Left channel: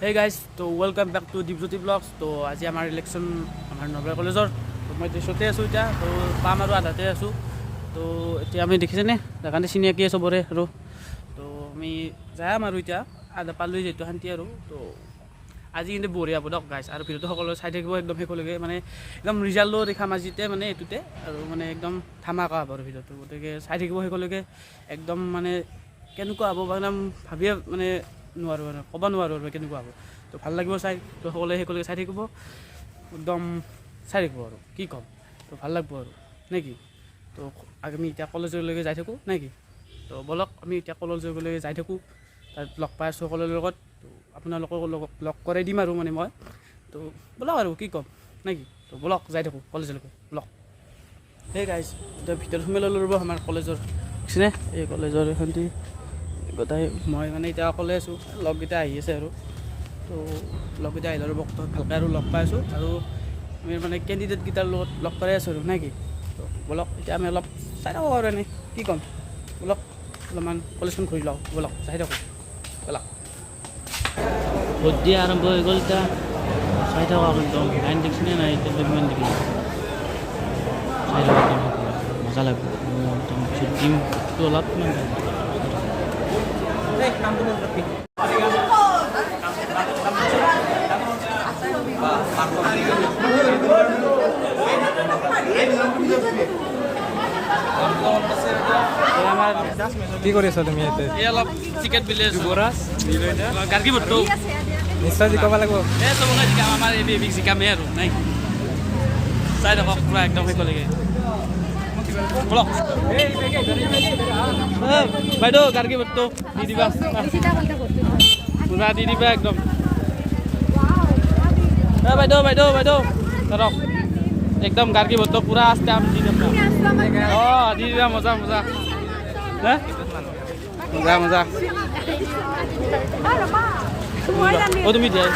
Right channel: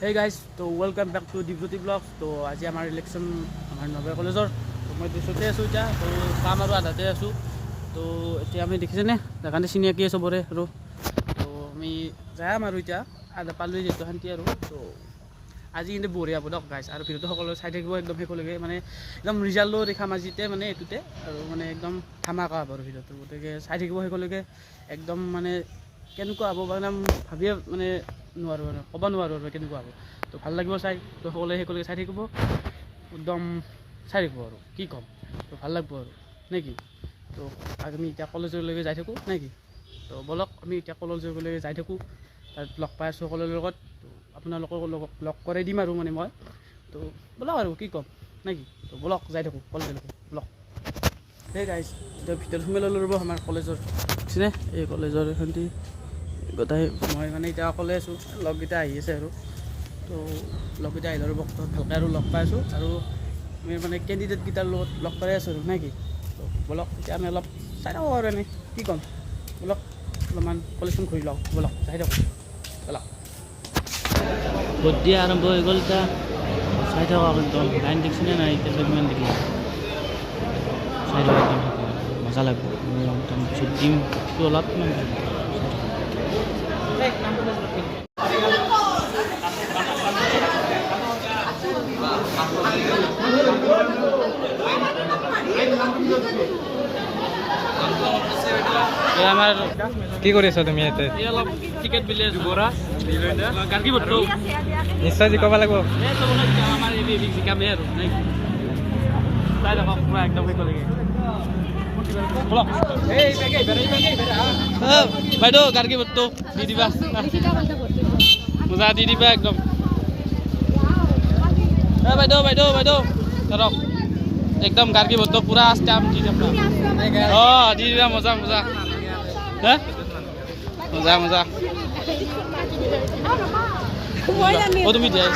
Hey guys, so welcome back to Deepjyoti Vlogs. তো আজি আমাৰ ইলেকশ্যন আমাৰ নলবাৰী কলেজৰ মই দেশতে আছোঁ এতিয়া তো পাম আৰু আধাতে আছোঁ তো এতিয়া আমি দেখিছেনে দেখানে চিনাকি চবৰে আৰু তো আমি যাম আৰু এতিয়া আধা পালোঁ যিহেতু শান্তি আৰু তো আজি কিন্তু বঢ়িয়া হ'ব দিয়ক গাইছ আৰু ভিডিঅ'টো সকলোৱে চাই থাকিব একদম শেষলৈকে মানে একদম ৰিজাল্টো দেখাম আজিতে মানে এইটোতে আৰু মানে একদম ধামাকা হ'ব আৰু ভিডিঅ'টো গতিকে চাই থাকিব শেষলৈকে একদম মানে কেনেকুৱা হ'ব মানে ভাবিয়ে মানে নোৱাৰোঁ আৰু ক'ব নোৱাৰোঁ আৰু কেনেকুৱা হ'ব তো ভাল লাগিব চাই তো সকলোৱে শেষলৈকে চাই থাকিব একদম চাই থাকিব আৰু কি ক'ম তো ভাল লাগিব আৰু নে কি তো আমি এতিয়া কলেজলৈকে যাই থাকোঁ নে কি তো বলক আমি এতিয়া কলেজলৈকে যাই থাকোঁ তাত লগ পাই আছোঁ সকলোৰে লগত তো আপোনালোকৰ লগত লগ কৰাই দিম আৰু মানে মই তো বলক আৰু কি ক'ম নে কি তো বলক যাই থাকোঁ কলেজলৈকে বলক সেই গাইজ এতিয়া ভিতৰত সোমাই ল'লোঁ ৰ'ব আমাৰ কলেজৰ বুজিছেনে এই কলেজৰ এখনটি গোটাই মই মানে এতিয়া অকলে আছোঁ লগকেইটা আহি আছে আৰু তো লগকেইটা আহিলে আৰু ভালকৈ আৰু লগ পাই আছোঁ আৰু আমি মানে কেণ্ডিডেটকেইটাৰ লগত লগ কৰাই আছোঁ আৰু নে কি তো বলক এতিয়া আমি অলপ চাই থাকোঁ আৰু এনেই কি ক'ম বলক অলপমান কলেজখন ঘূৰি লওঁ বলক চাই থাকোঁ বলক ভোট দিয়া আৰম্ভ হৈ গ'ল এতিয়া চাই থাকক একদম লাইন দেখিছেনে নাই এতিয়া কিমান দেখিলে চাই থাকক একদম মজা লাগিব একদম পিছত দিম ভোটটো অলপমান আমাৰ কি কৰি আছা তুমি ইয়াতে? এই অলপ টিকেট বিলে গাৰ্গী ভোটটো নিশ্চয় জিকাব লাগিব। এই চবকে জিকাম আমাৰ এই বিগ জিকামেই আৰু নাই চাই থাকক পূৰা একদম শেষলৈকে বলক বাইদেউ গাৰ্গী ভোটটো দি দিবা মজা দি দিবা একদম বাইদেউ বাইদেউ বাইদেউ ধৰক একদম গাৰ্গী ভোটটো পূৰা ষ্টাম্প দি দিম অঁ দি দিবা মজা মজা হা মজা মজা অঁ তুমি দিয়া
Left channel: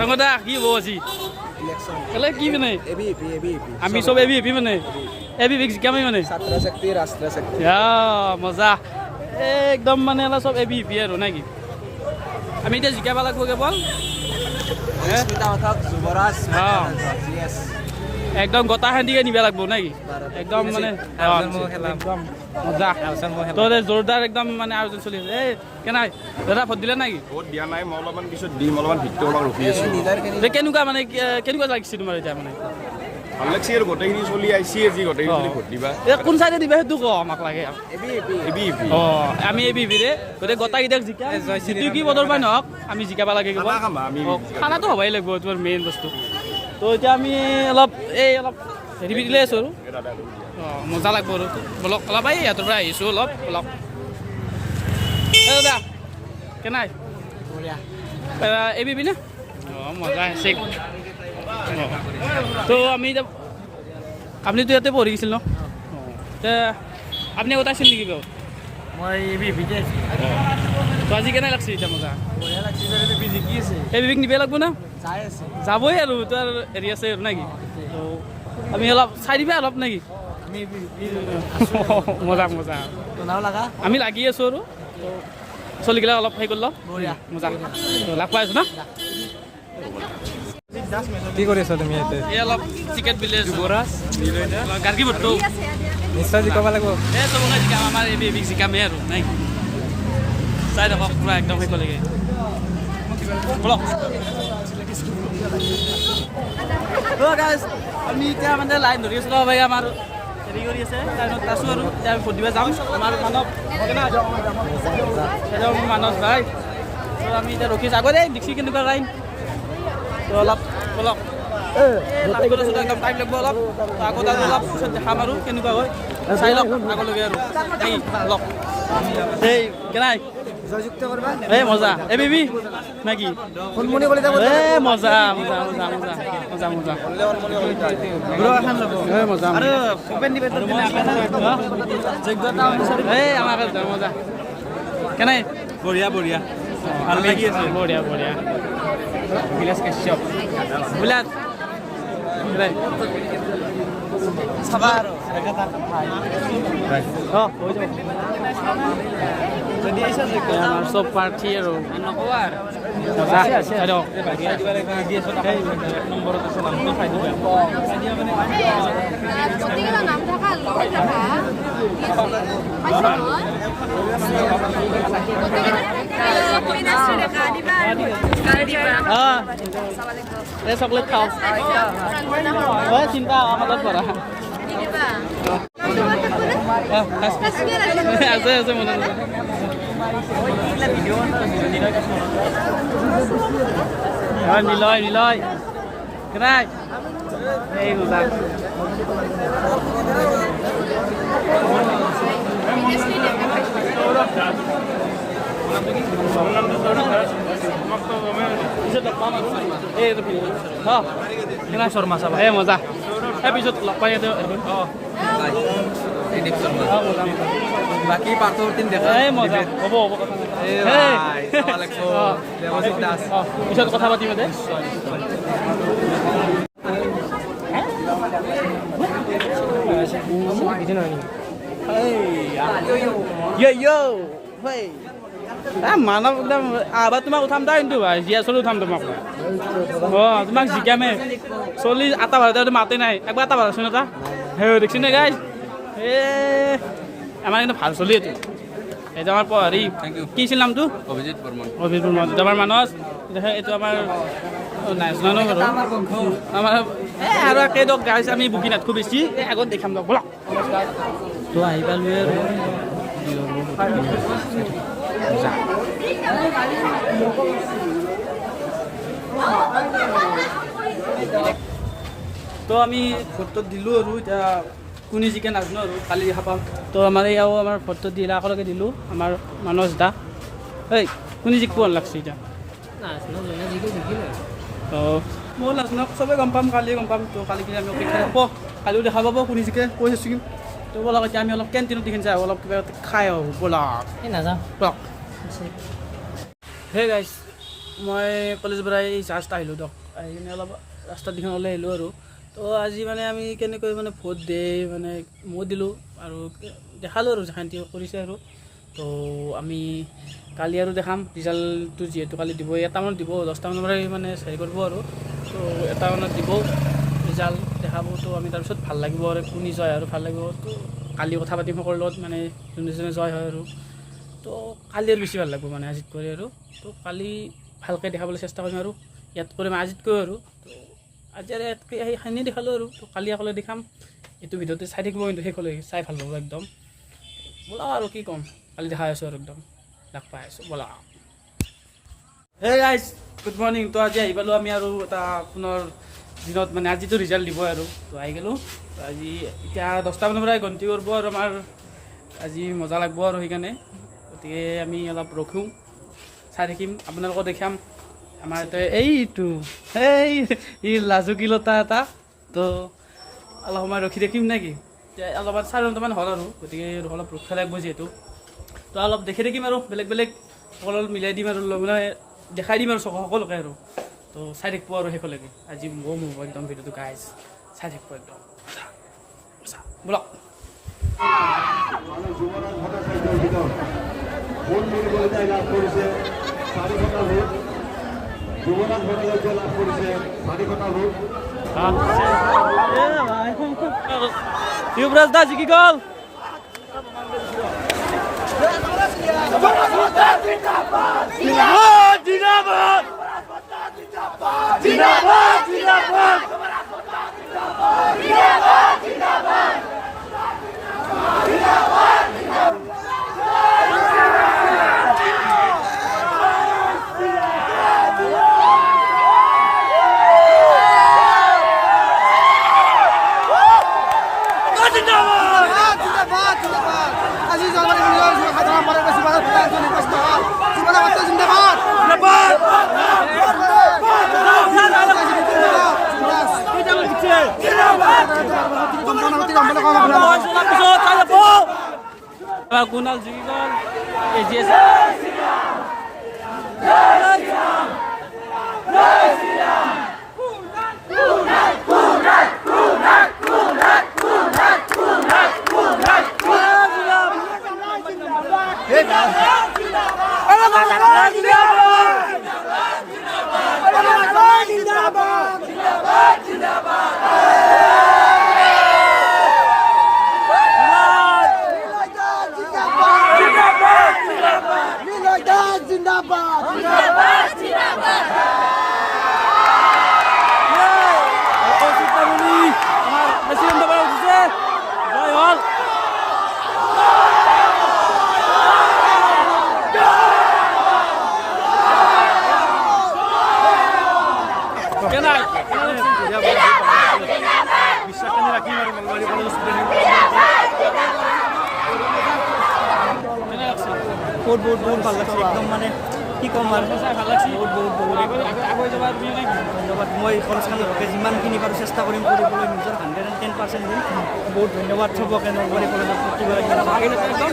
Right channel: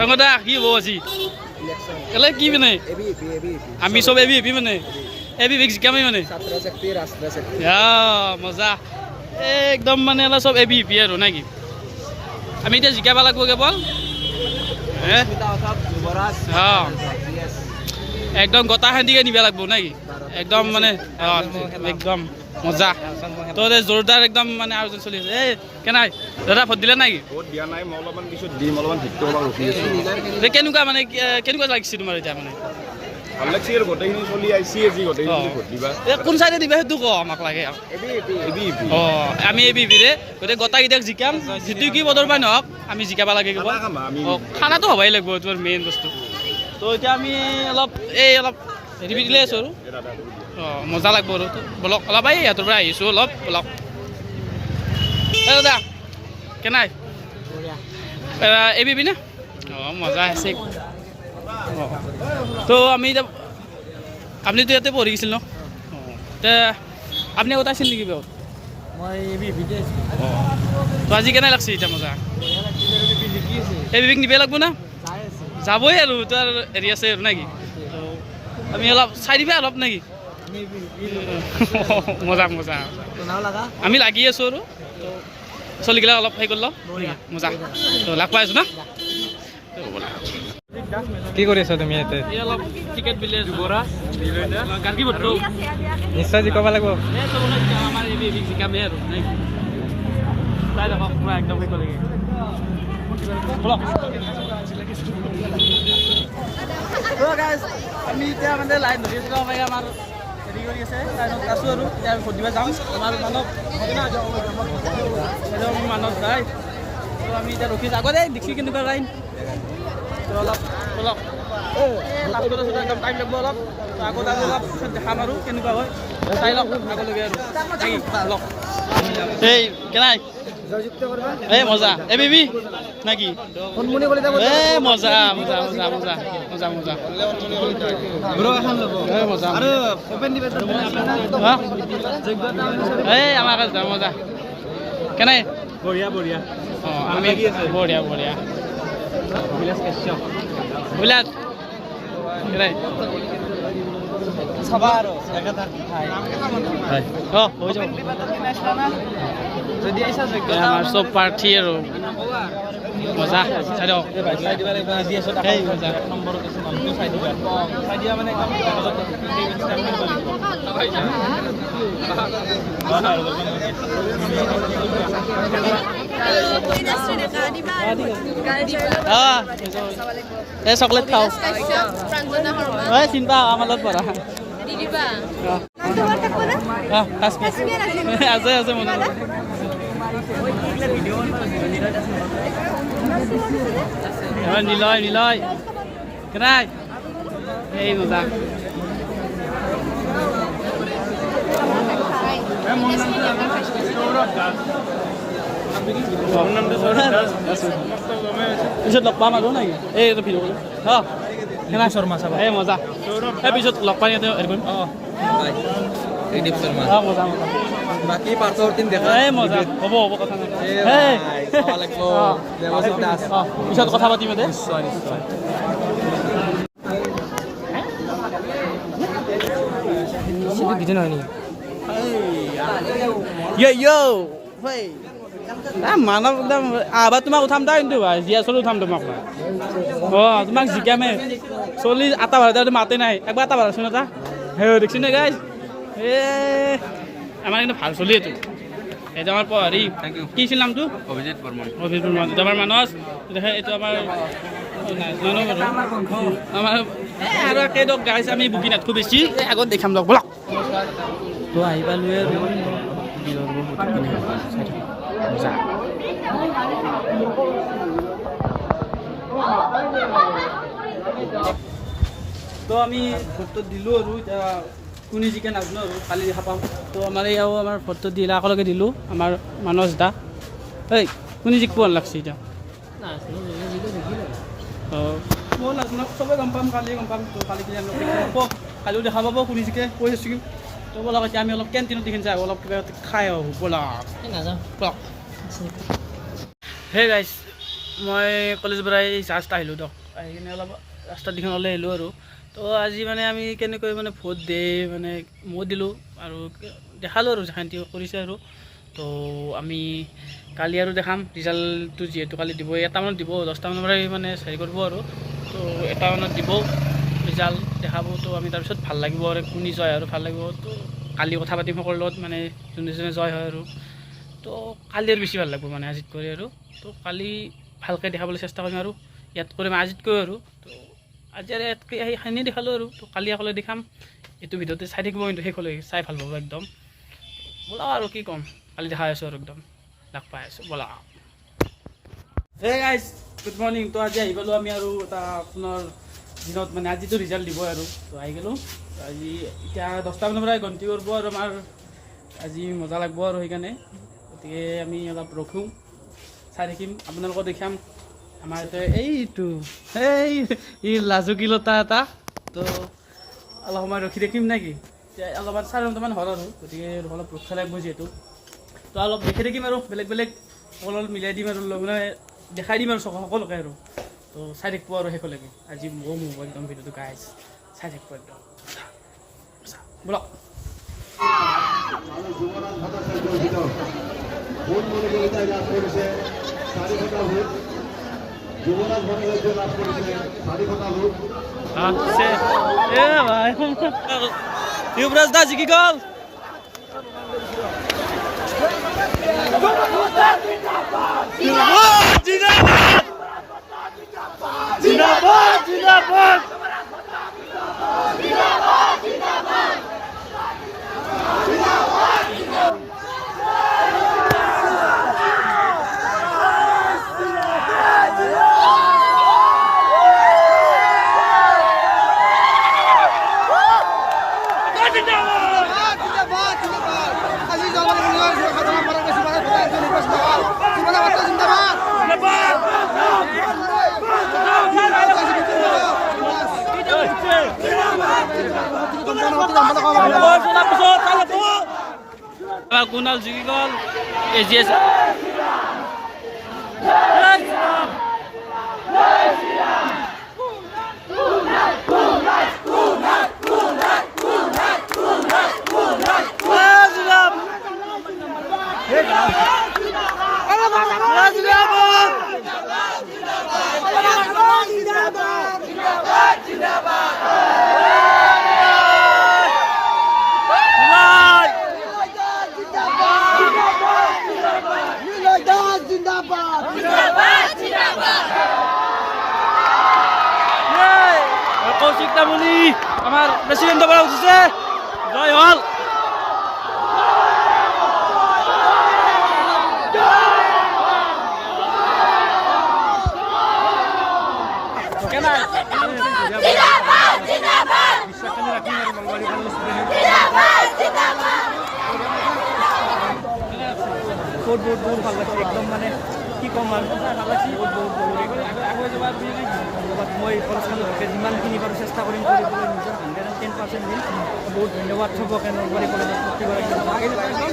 ৰঙদা কি হ'ব আজি কেলে কি মানে আমি চব এবি এবি মানে এবি বিগ জিকামেই মানে মজা একদম মানে অলপ চব এবি এবি আৰু নে কি আমি এতিয়া জিকাব লাগিব কেৱল একদম গোটা খান্দিকে নিব লাগিব নে কি একদম মানে একদম মজা তো জোৰদাৰ একদম মানে আয়োজন চলি আছে এই কেনাই দাদা ভোট দিলে নেকি ভোট দিয়া নাই মই অলপমান পিছত দিম অলপমান ভিতৰত অলপ ৰখি আছোঁ কেনেকুৱা মানে কেনেকুৱা লাগিছে তোমাৰ এতিয়া মানে ভাল লাগছে আৰু গোটেইখিনি চলি আহিছে আজি গোটেইখিনি ভোট দিবা কোন চাইডে দিবা সেইটো কওঁ আমাক লাগে অঁ আমি এবি বিৰে গোটেই গোটাকেইটাক জিকাম যিটো কি পদৰ পাই নহওক আমি জিকাব লাগে খানাটো হ'বই লাগিব তোমাৰ মেইন বস্তু তো এতিয়া আমি অলপ হেৰি দিলে আছোঁ আৰু অঁ মজা লাগিব আৰু বলক অলপ এই সিহঁতৰ পৰা আহিছোঁ অলপ বলক এই দাদা কেনাই এবি নে অঁ মজা আছে অঁ তো আমি এতিয়া আপুনিতো ইয়াতে পঢ়ি গৈছিল ন অঁ এতিয়া আপুনি আগতে আছিল নেকি গাঁৱত মই এবি এবিতে আছোঁ। তো আজি কেনে লাগছে এতিয়া মজা এবিক নিবই লাগিব না যাবই আৰু তাৰ হেৰি আছে আৰু নেকি তো আমি অলপ চাই দিবা অলপ নেকি মজা মজা আমি লাগি আছোঁ আৰু তো চলিগিলা অলপ হেৰি কৰিলোঁ মজা তো লাগ পাই আছোঁ না কি কৰি আছা তুমি ইয়াতে? এই অলপ টিকেট বিলে গাৰ্গী ভোটটো নিশ্চয় জিকাব লাগিব। এই চবকে জিকাম আমাৰ এই বিগ জিকামেই আৰু নাই চাই থাকক পূৰা একদম শেষলৈকে বলক গাইজ আমি এতিয়া মানে লাইন ধৰি আছোঁ ভাই আমাৰ হেৰি কৰি আছে লাইনত আছোঁ আৰু এতিয়া আমি ভোট দিব যাম আমাৰ মানৱ যায় তো আমি এতিয়া ৰখি আছোঁ আগতে দেখি কেনেকুৱা লাইন তো অলপ বলক এই লাষ্টত আছোঁ একদম টাইম লাগিব অলপ তো আগত আৰু অলপ পিছত দেখাম আৰু কেনেকুৱা হয় চাই লওক আগলৈকে আৰু বলক এই কেনাই এই মজা এই বিবি নাকি এই মজা মজা মজা মজা মজা মজা মজা আৰু অপেন ডিবেটত যোগ্যতা অনুসাৰে এই আমাৰ মজা কেনাই বঢ়িয়া বঢ়িয়া অঁ আমি বঢ়িয়া বঢ়িয়া অভিলাষ কাশ্যপ অভিলাষ চাবা আৰু এনেকৈ তাত খাই অঁ হৈ যাব যদি আহিছা এই আমাৰ চব প্ৰাৰ্থী আৰু নক'বা মজা চাই দিয়ক সেই মজা এক নম্বৰত আছে নামটো চাই দিবা চাই দিয়া মানে অঁ এই চকলেট খাওঁ এই চিন্তা আমাৰ লগত পঢ়া আছে আছে মনত নিলয় নিলয় কেনাই এই মজা পিছত লগ পাম আৰু এই কেনা শৰ্মা চাবা এই মজা এই পিছত লগ পাই ইয়াতে অঁ মজা মজা বাকী পাছৰ টিম দেখা এই মজা হ'ব হ'ব কথা পিছত কথা পাতিম দে মানৱ একদম আবাৰ তোমাক উঠাম দা কিন্তু ভাই জিয়া চলি উঠাম তোমাক অঁ তোমাক জিকামে চল্লিছ আটা ভাড়া মাতে নাই একবাৰ এটা ভাড়াচোন এটা সেই দেখিছোঁ নে গাইজ আমাৰ কিন্তু ভাল চলি এইটো এইটো আমাৰ হেৰি কি আছিল নামটো অভিজিত বৰ্মন অভিজিত বৰ্মন এইটো আমাৰ মানস এইটো আমাৰ আমাৰ আৰু কেইদক গাইছ আমি বুকি নাথাকোঁ বেছি আগত দেখাম লগ ব'লক তো আহি পালোঁ আৰু মজা তো আমি ভোটটো দিলোঁ আৰু এতিয়া কোনে জিকে নাজানো আৰু কালি দেখা পাম তো আমাৰ এয়াও আমাৰ ভোটটো দিলে একেলগে দিলোঁ আমাৰ মানস দা এই কোনে জিকিব লাগছে এতিয়া অঁ মই নাজানো চবেই গম পাম কালি গম পাম তো কালি কিনে আমি অপেক্ষা হ'ব কালিও দেখা পাব কোনে জিকে কৈ আছোঁ তো ব'লক এতিয়া আমি অলপ কেণ্টিনত দেখি যাওঁ অলপ কিবা খাই আহোঁ ব'লক নাযাওঁ ব'লক হে গাইছ মই কলেজৰ পৰা এই জাষ্ট আহিলোঁ দিয়ক আহি কিনে অলপ ৰাস্তাত দিখন ওলাই আহিলোঁ আৰু তো আজি মানে আমি কেনেকৈ মানে ভোট দে মানে মই দিলোঁ আৰু দেখালোঁ আৰু যেখান্তি কৰিছে আৰু তো আমি কালি আৰু দেখাম ৰিজাল্টটো যিহেতু কালি দিব এটামানত দিব 10টামানৰ পৰাই মানে হেৰি কৰিব আৰু তো এটামানত দিব ৰিজাল্ট দেখাব তো আমি তাৰপিছত ভাল লাগিব আৰু কোনে জয় আৰু ভাল লাগিব তো কালি কথা পাতিম সকলোৰ লগত মানে যোনে যোনে জয় হয় আৰু তো কালি আৰু বেছি ভাল লাগিব মানে আজিত কৰি আৰু তো কালি ভালকৈ দেখাবলৈ চেষ্টা কৰিম আৰু ইয়াত কৰিম আজিতকৈ আৰু তো আজি আৰু ইয়াতকৈ সেইখিনি দেখালোঁ আৰু তো কালি অকলে দেখাম এইটো ভিডিঅ'তে চাই থাকিব কিন্তু শেষলৈকে চাই ভাল পাব একদম ব'লা আৰু কি ক'ম কালি দেখাই আছোঁ আৰু একদম লগ পাই আছোঁ ব'লা হে গাইজ গুড মৰ্ণিং তো আজি আহি পালোঁ আমি আৰু এটা পুনৰ দিনত মানে আজিতো ৰিজাল্ট দিব আৰু তো আহি গ'লোঁ আজি এতিয়া 10টামানৰ পৰাই গন্তি কৰিব আৰু আমাৰ আজি মজা লাগিব আৰু সেইকাৰণে গতিকে আমি অলপ ৰখোঁ চাই থাকিম আপোনালোকক দেখাম আমাৰ ইয়াতে এইটো এই লাজুকীলতা এটা তো অলপ সময় ৰখি থাকিম নেকি এতিয়া অলপমান 9:30মান হ'ল আৰু গতিকে অলপ ৰখিব লাগিব যিহেতু তো অলপ দেখি থাকিম আৰু বেলেগ বেলেগ সকলো মিলাই দিম আৰু মানে দেখাই দিম আৰু সকলোকে আৰু তো চাই থাকিব আৰু শেষলৈকে আজি মোৰ একদম ভিডিঅ'টো গাইজ চাই থাকিব একদম ব'লক युवराज दा जिकी गल Kunal জিকি গল এজিএস বহুত বহুত বহুত ভাল লাগছে একদম মানে কি ক'ম আৰু ভাল লাগছে আগুৱাই যাবা তুমি নেকি ধন্যবাদ মই কলেজখনকে যিমানখিনি পাৰোঁ চেষ্টা কৰিম কৰিবলৈ নিজৰ 110% দিম বহুত ধন্যবাদ চবকে নলবাৰী কলেজত একদম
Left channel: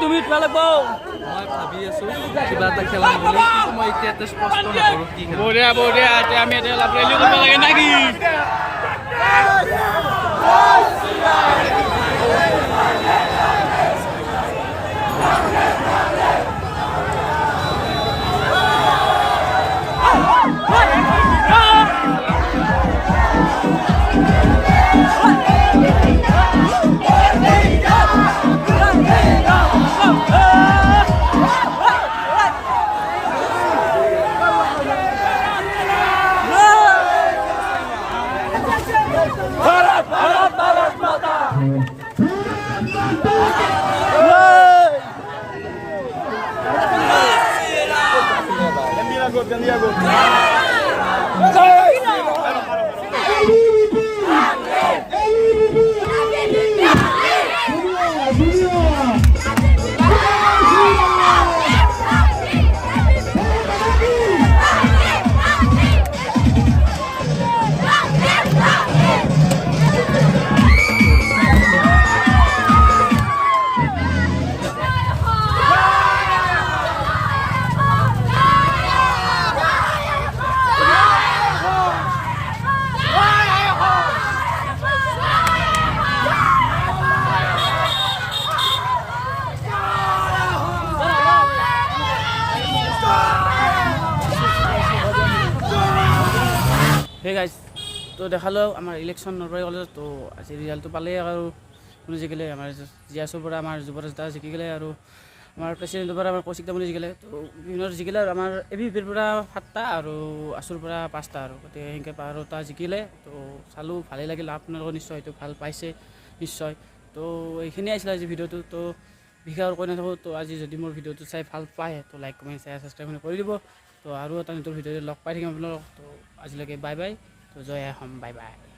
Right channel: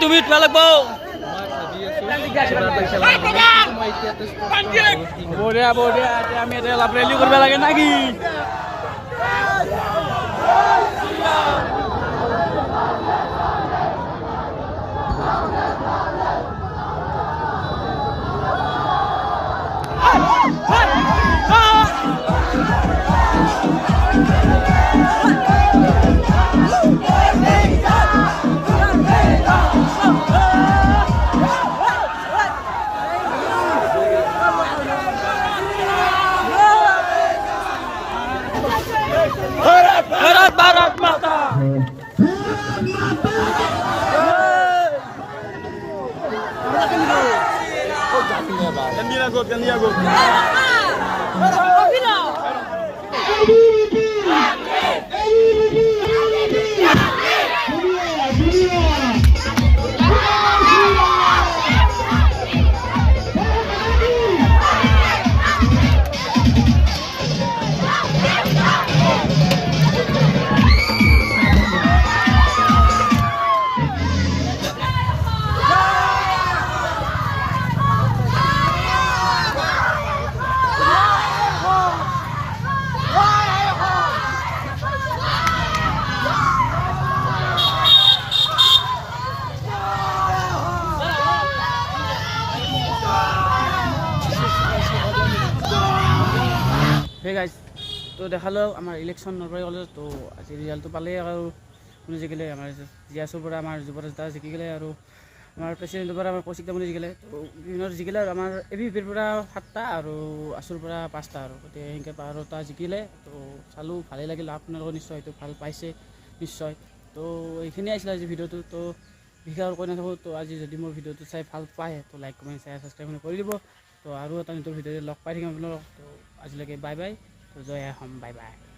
তুমি উঠবা লাগব বঢ়িয়া বঢ়িয়া এতিয়া আমি এতিয়া অলপ ৰেলি কৰিব লাগে নাকি হে গাইজ তো দেখালোঁ আমাৰ ইলেকশ্যন নলবাৰী কলেজত তো আজি ৰিজাল্টটো পালেই আৰু কোনে জিকিলে আমাৰ জিয়াছৰ পৰা আমাৰ যুৱৰাজ দা জিকি গ'লে আৰু আমাৰ প্ৰেচিডেণ্টৰ পৰা আমাৰ কৌশিক দামনি জিকিলে তো বিভিন্ন জিকিলে আৰু আমাৰ ABVPৰ পৰা 7টা আৰু আছুৰ পৰা 5টা আৰু গতিকে সেনেকৈ 12টা জিকিলে তো চালোঁ ভালেই লাগিল আপোনালোকৰ নিশ্চয় হয়তো ভাল পাইছে নিশ্চয় তো এইখিনিয়ে আছিলে আজি ভিডিঅ'টো তো বিশেষ আৰু কৈ নাথাকোঁ তো আজি যদি মোৰ ভিডিঅ'টো চাই ভাল পায় তো লাইক কমেণ্ট শ্বেয়াৰ ছাবস্ক্ৰাইব কৰি দিব তো আৰু এটা নতুন ভিডিঅ'ত লগ পাই থাকিম আপোনালোকক তো আজিলৈকে বাই বাই তো জয় অসম বাই বাই